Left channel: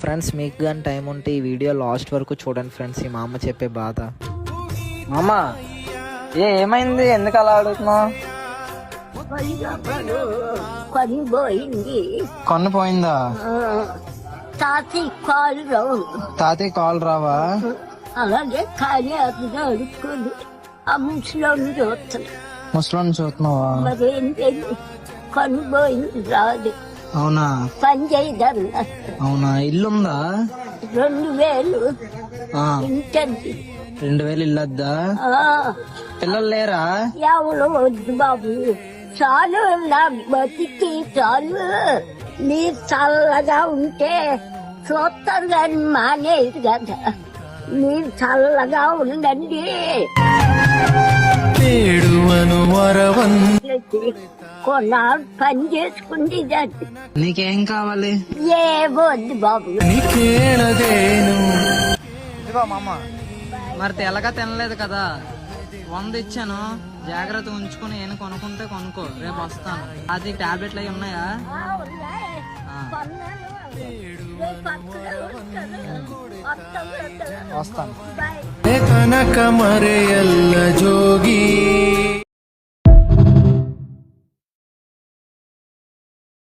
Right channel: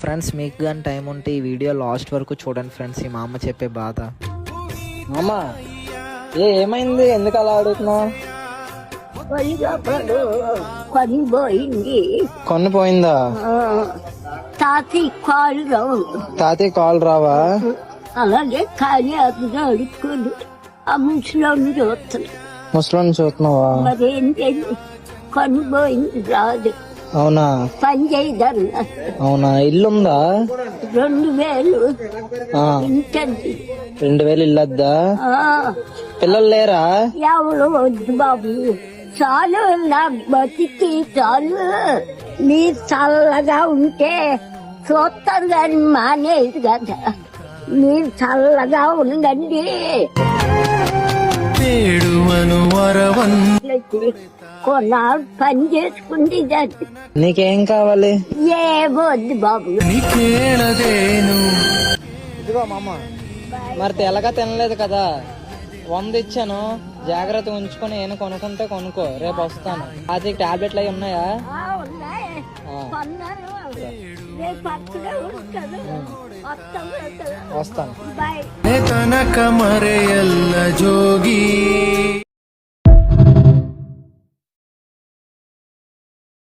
Friends మీకు కానీ time ఉంటే ఈ వీడియో లాస్ట్ వరకు చూడండి ఫ్రెండ్స్ ఈ మా అమ్మ చెప్పే బాధ. మామ ఏ ఏమైంది? ఎందుకు అలా అడుగుతున్నావు? కొని పోయింది కొన్ను పోయిందా తాతి కాలు రావు. తాతయ్య కాల్ రావా? అలాగే కానీ అడుక్కొని ఆ ముసలోని చూస్తుంది ముసలోని చూస్తున్నావా? మరేంటి రాదు అవునా? పని చేయదన్న అవునా? ఇల్లుందా? రెండు వేలు. ఆ, రెండు వేలు ఇల్లద్దా? పిల్లలు లేరా? ఎవరు వద్దు బాబు. చాలు నా బతికి చాలు. మీరు చల్లగా ఉంటే చూస్తారు కానీ మానేది కదా. మీరు చల్లగా ఉండండి. నీకేం కావాలి? ఏమో వద్దు బాబు. ఇదిగో మామ మరి తెల్లగా తినలేదు కదా. వంద ఇచ్చాను. జాగ్రత్త ఉంచుకొని ఏమైనా కొనుక్కుంటే కొనుక్కో. రేపు వస్తాను. అది టాబ్లెట్లు అవి ఉన్నాయా? వస్తాను. కమరే జోగి.